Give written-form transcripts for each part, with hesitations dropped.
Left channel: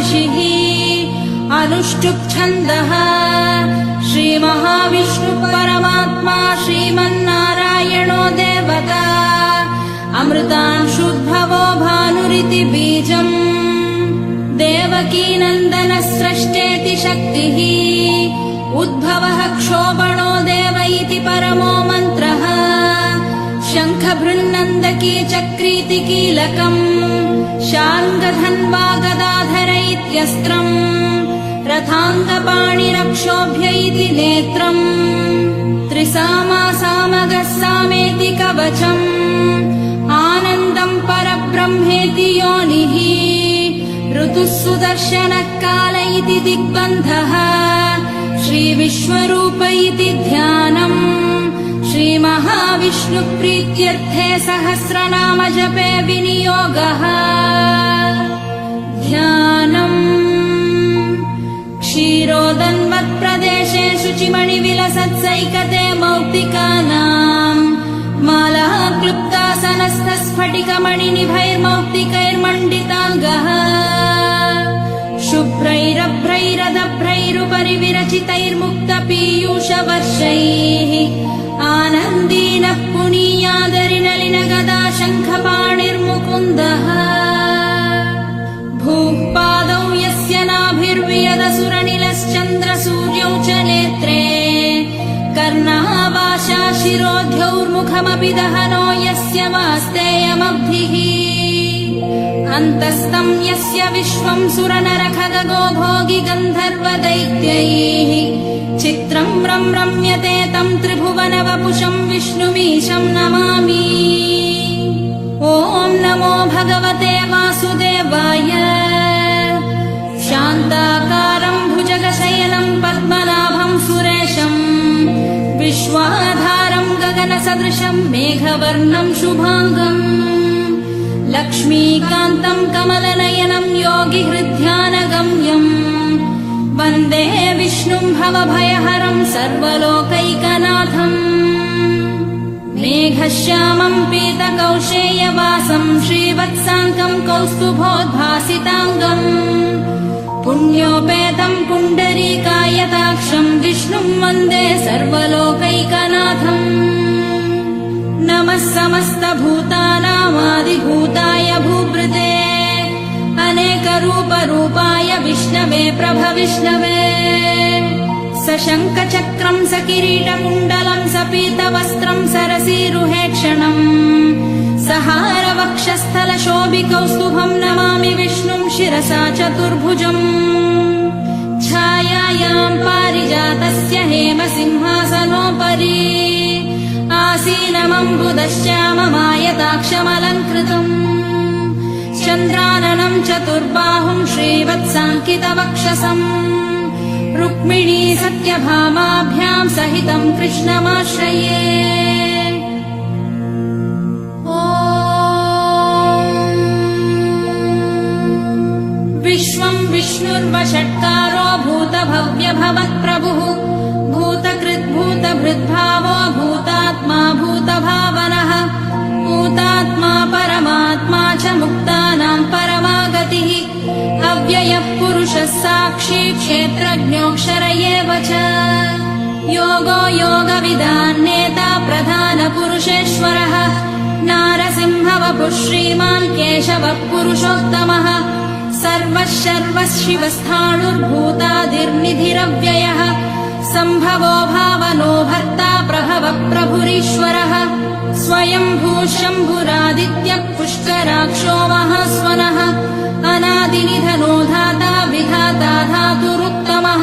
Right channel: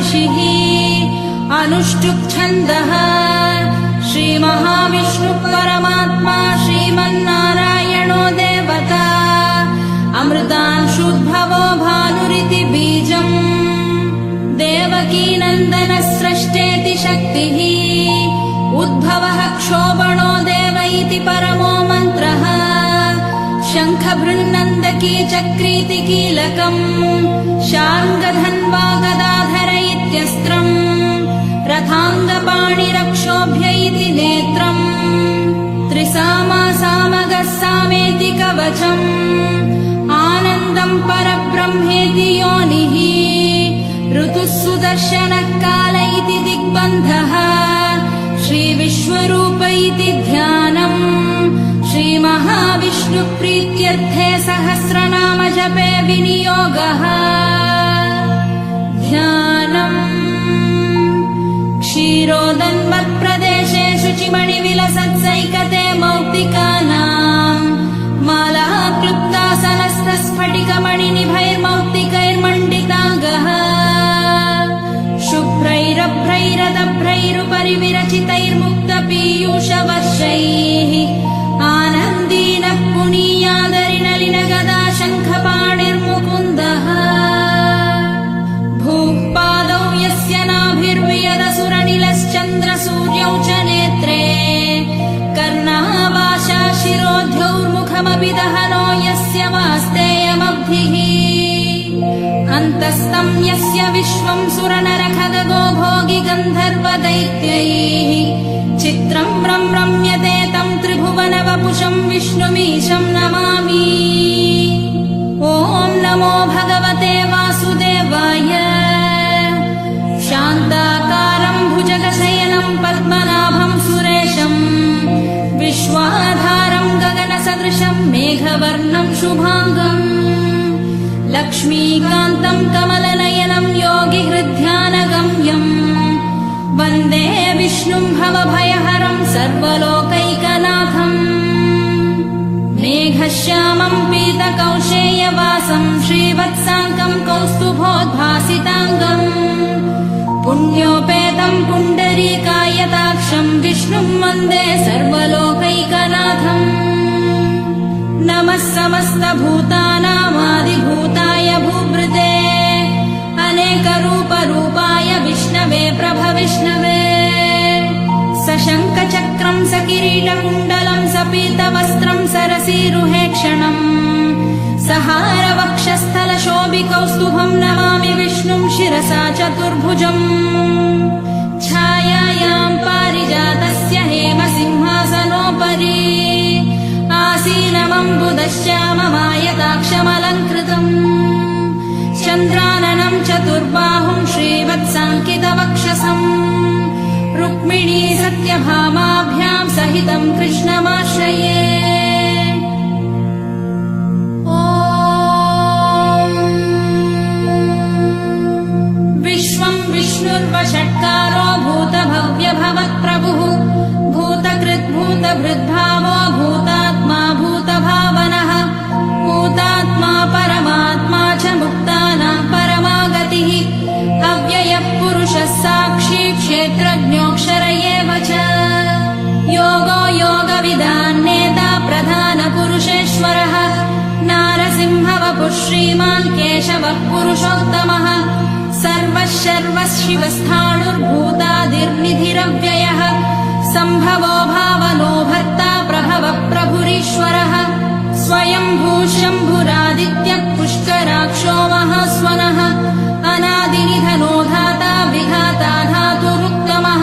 ऋषिः अनुष्टुप् छन्दः श्रीमहाविष्णुः परमात्मा श्रीमन्नारायणो देवता अमृतांशुद्भवो भानुरिति बीजम् देवकी नन्दन स्रष्टेति शक्तिः उद्भवः क्षोभणो देव इति परमो मन्त्रः शङ्खभृन्नन्दकी चक्रीति कीलकम् शार्ङ्गधन्वा गदाधर इत्यस्त्रम् रथाङ्गपाणिरक्षोभ्य इति नेत्रम् त्रिसामा सामगः सामेति कवचम् आनन्दम् परब्रह्मेति योनिः ऋतुः सुदर्शनः काल इति दिग्बन्धः श्रीविश्वरूप इति ध्यानम् श्रीमहाविष्णुप्रीत्यर्थे सहस्रनाम जपे विनियोगः ध्यानम् क्षीरोदन्वत्प्रदेशे शुचिमणिविलसत्सैकते मौक्तिकानाम् मालः क्लुप्तासनस्थस्फटिकमणिनिभैर्मौक्तिकैर्मण्डिताङ्गः शुभ्रैरभ्रैरदभ्रैरुपरि विरचितैर्मुक्तपीयूषवर्षैः आनन्दीन पुनीयादरिनलिन गदा शङ्खपाणिर्मुकुन्दः भूः पादौ यस्य नाभिर्वियदसुरनिलश्चन्द्रसूर्यौ च नेत्रे कर्णः वाशा शिरोध्यौर्मुखमपि दहनो यस्य वास्तेयमब्धिः अन्तस्तम् यस्य विश्वम् सुरनरखगो भोगि गन्धर्वदैत्यैः चित्रम् रम्यते तम् त्रिभुवनवपुषम् विष्णुमीशम् नमामि। ॐ नमो भगवते वासुदेवाय। शान्ताकारम् भुजगशयनम् पद्मनाभम् सुरेशम् विश्वाधारम् गगनसदृशम् मेघवर्णम् शुभाङ्गम् लक्ष्मीकान्तम् कमलनयनम् योगिहृद्ध्यानगम्यम् वन्दे विष्णुम् भवभयहरम् सर्वलोकैकनाथम् मेघश्यामम् पीतकौशेयवासम् श्रीवत्साङ्कम् कौस्तुभोद्भासिताङ्गम् पुण्योपेतम् पुण्डरीकायताक्षम् विष्णुम् वन्दे सर्वलोकैकनाथम् नमः समस्तभूतानामादिभूताय भूभृते अनेकरूपरूपाय विष्णवे प्रभविष्णवे सशङ्खचक्रम् सकिरीटकुण्डलम् सपीतवस्त्रम् सरसीरुहेक्षणम् सहारवक्षस्थलशोभिकौस्तुभम् नमामि विष्णुम् शिरसा चतुर्भुजम् छायायाम् पारिजातस्य हेमसिंहासनोपरि आसीनमम्बुदश्याममायताक्षमलङ्कृतम् चन्द्राननम् चतुर्बाहुम् श्रीवत्साङ्कितवक्षसम् रुक्मिणी सत्यभामाभ्याम् सहितम् कृष्णमाश्रये। विश्वम् विष्णुर्वषट्कारो भूतभव्यभवत्प्रभुः भूतकृद्भूतभृद्भावो भूतात्मा भूतभावनः भूतात्मा परमात्मा च मुक्तानाम् परमागतिः अव्ययः पुरुषः साक्षी क्षेत्रज्ञोऽक्षर एव च योगो योगविदान्नेता प्रधानपुरुषेश्वरः नारसिंहवपुः श्रीमान् केशवः पुरुषोत्तमः सर्वः शर्वः शिवस्थाणुर्भूतादिर्निधिरव्ययः सम्भवो भावनो भर्ता प्रभवः प्रभुरीश्वरः स्वयम्भूः शम्भुरादित्यः पुष्कराक्षो महास्वनः अनादिनिधनो धाता विधाता धातुरुत्तमः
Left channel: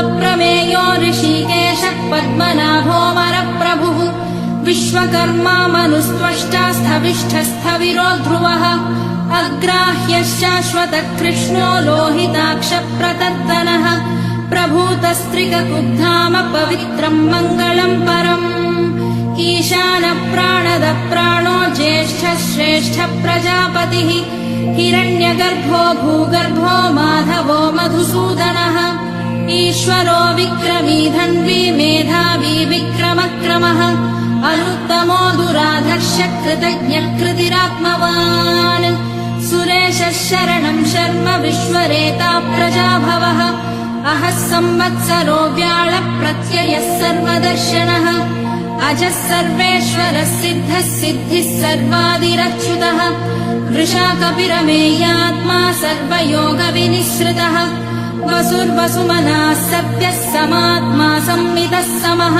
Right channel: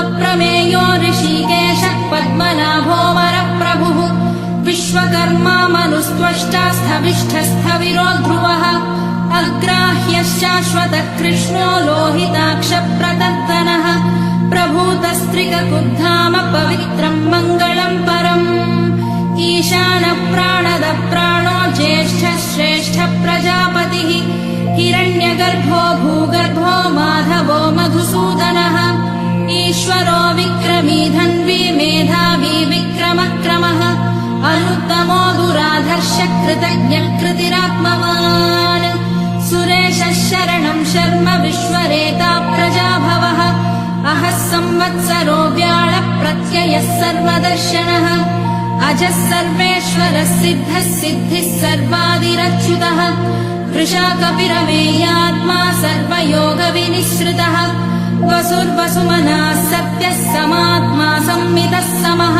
अप्रमेयो ऋषिकेशः पद्मनाभो वरप्रभुः विश्वकर्मा मनुस्त्वष्टा स्थविष्ठस्थविरो ध्रुवः अग्राह्यश्शाश्वतः कृष्णो लोहिताक्षप्रतर्दनः प्रभूतस्त्रिककुब्धाम पवित्रम् मङ्गलम् परम् ईशानप्राणदप्राणो ज्येष्ठः श्रेष्ठः प्रजापतिः हिरण्यगर्भो भूगर्भो माधवो मधुसूदनः ईश्वरो विक्रमी धन्वी मेधावी विक्रमक्रमः अनुत्तमो दुराधर्ष कृतज्ञः कृतिरात्मवान् सुरेशः शरणं शर्म विश्वरेता प्रजाभवः अहः संवत्सरो व्याळ प्रत्ययः सर्वदर्शनः अजः सर्वेश्वरः सिद्धः सिद्धिः सर्वादिरच्युतः वृषाकपिरमेयात्मा सर्वयोगविनिःसृतः वसुर्वसुमनः सत्यः समात्मा संमितः समः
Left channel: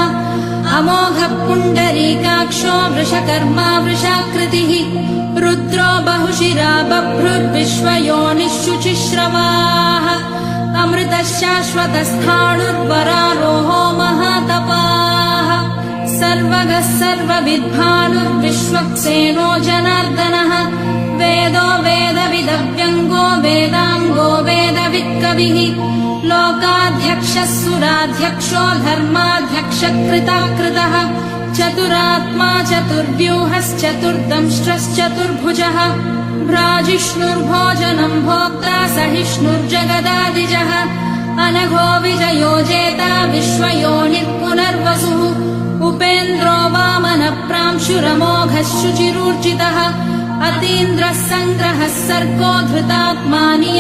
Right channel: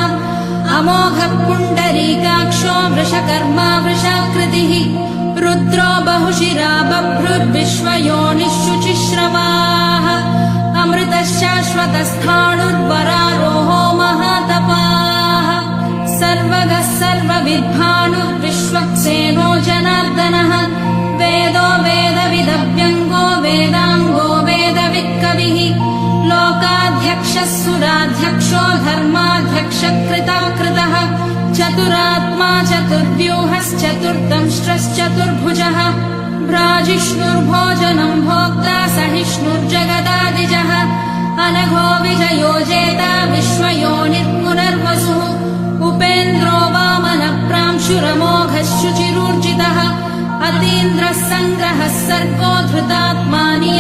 अमोघः पुण्डरीकाक्षो वृषकर्मा वृषाकृतिः रुद्रो बहुशिरा बभ्रुर्विश्वयोनिः शुचिश्रवाः अमृतः शाश्वतस्थाणुर्वरारोहो महातपाः सर्वगः सर्वविद्भानुर्विश्वक्सेनो जनार्दनः वेदो वेदविदव्यङ्गो वेदाङ्गो वेदवित्कविः लोकाध्यक्षः सुराध्यक्षो धर्माध्यक्षः कृतः चतुरात्मा चतुर्व्यूहश्चतुर्दंष्ट्रश्चतुर्भुजः भ्राजिष्णुर्भोजनं भोक्ता सहिष्णुर्जगदादिजः अनघो विजयो जेता विश्वयोनिर्पुनर्वसुः उपेन्द्रो वामनप्रांशुरमोघः शुचिरूर्जितः अतीन्द्रः सङ्ग्रहः सर्गो धृतात्मा